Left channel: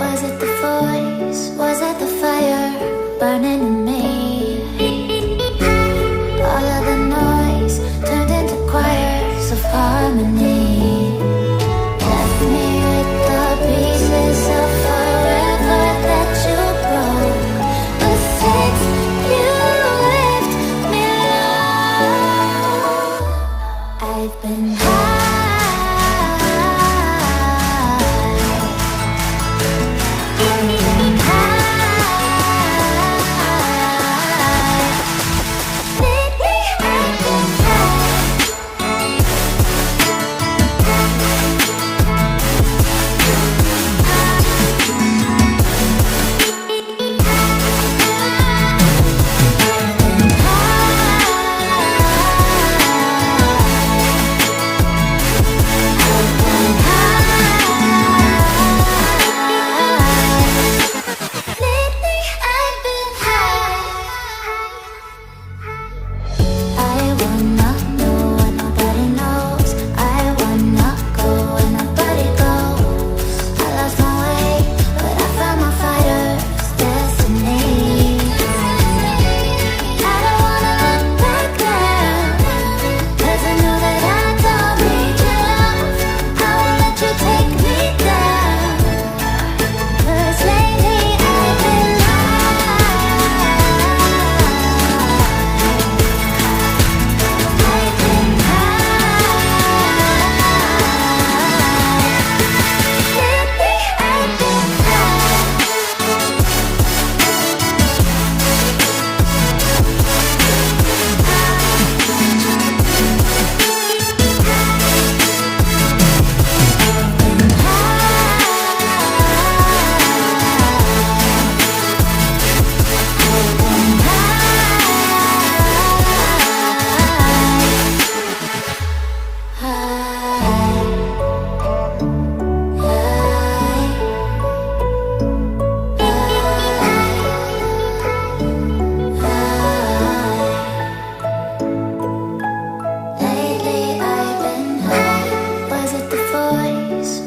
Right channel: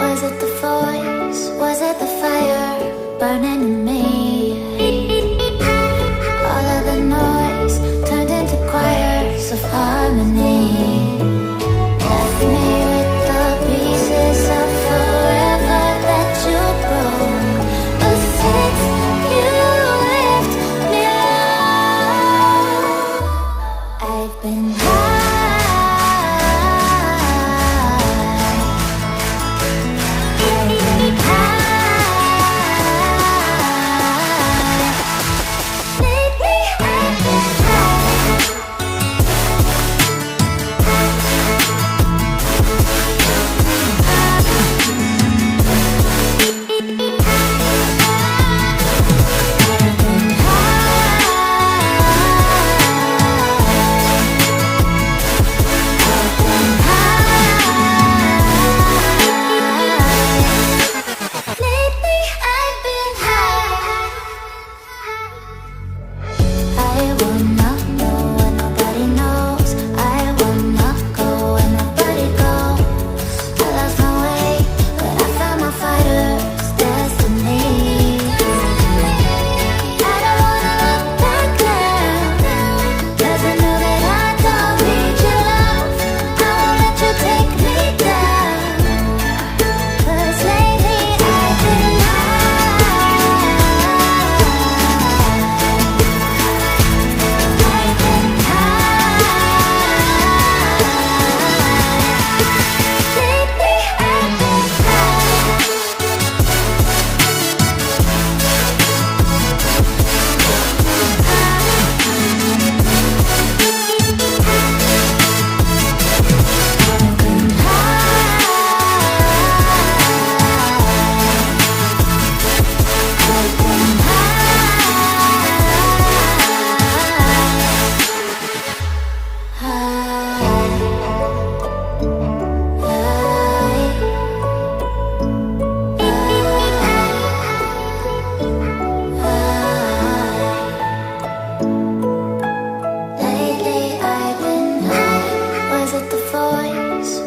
Was it the voice? Was it the fire burning in me? All of the noise turned into choirs of harmony. Left me with the pieces of forever that you broke. But since you left me alone, I've been high.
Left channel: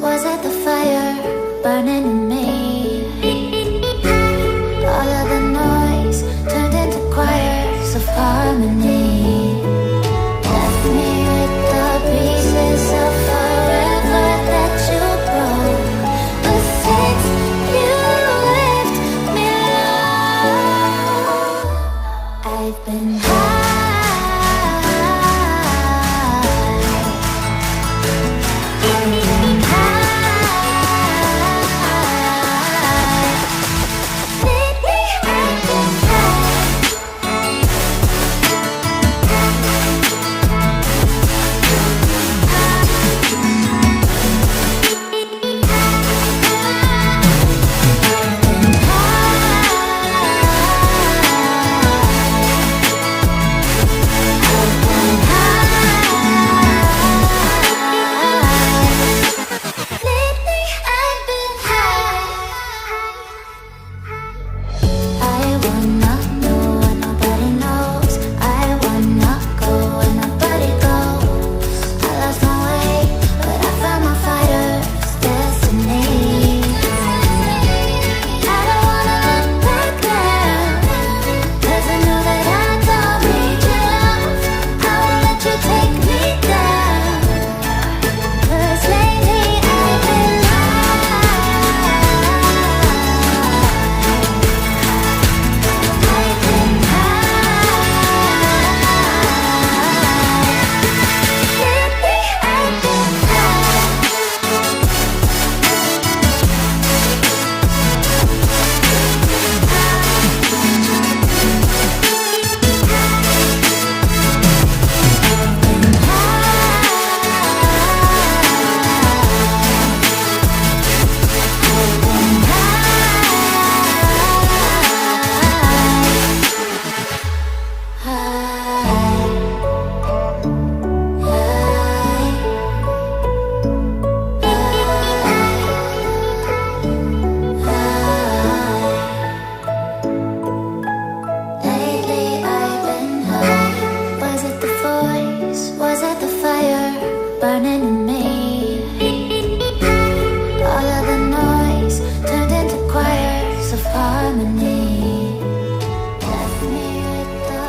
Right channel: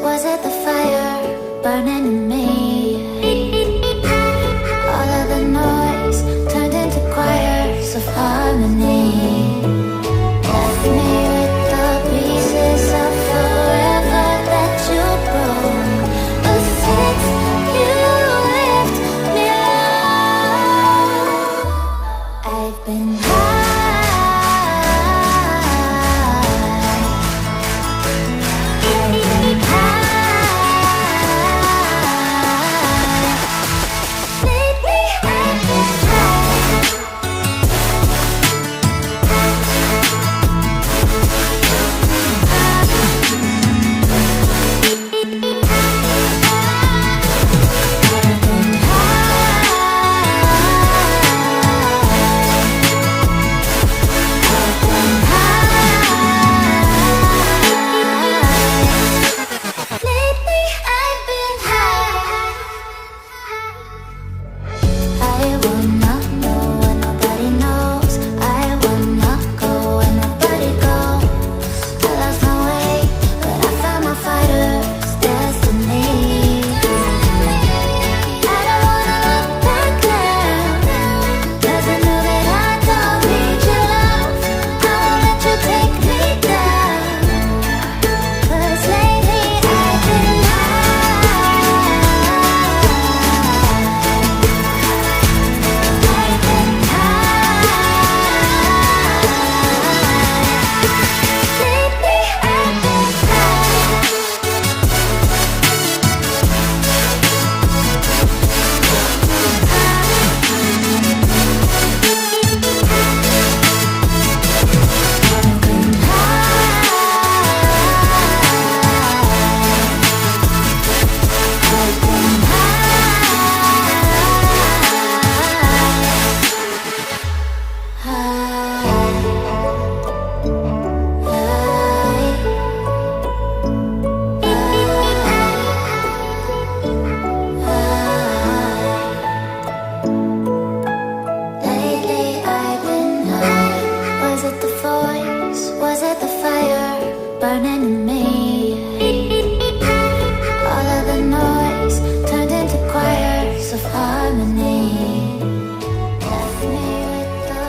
Was it the fire burning in me? All of the noise turned into choirs of harmony. Left me with the pieces of forever that you broke. But since you left me alone, I've been high. of harmony. Left me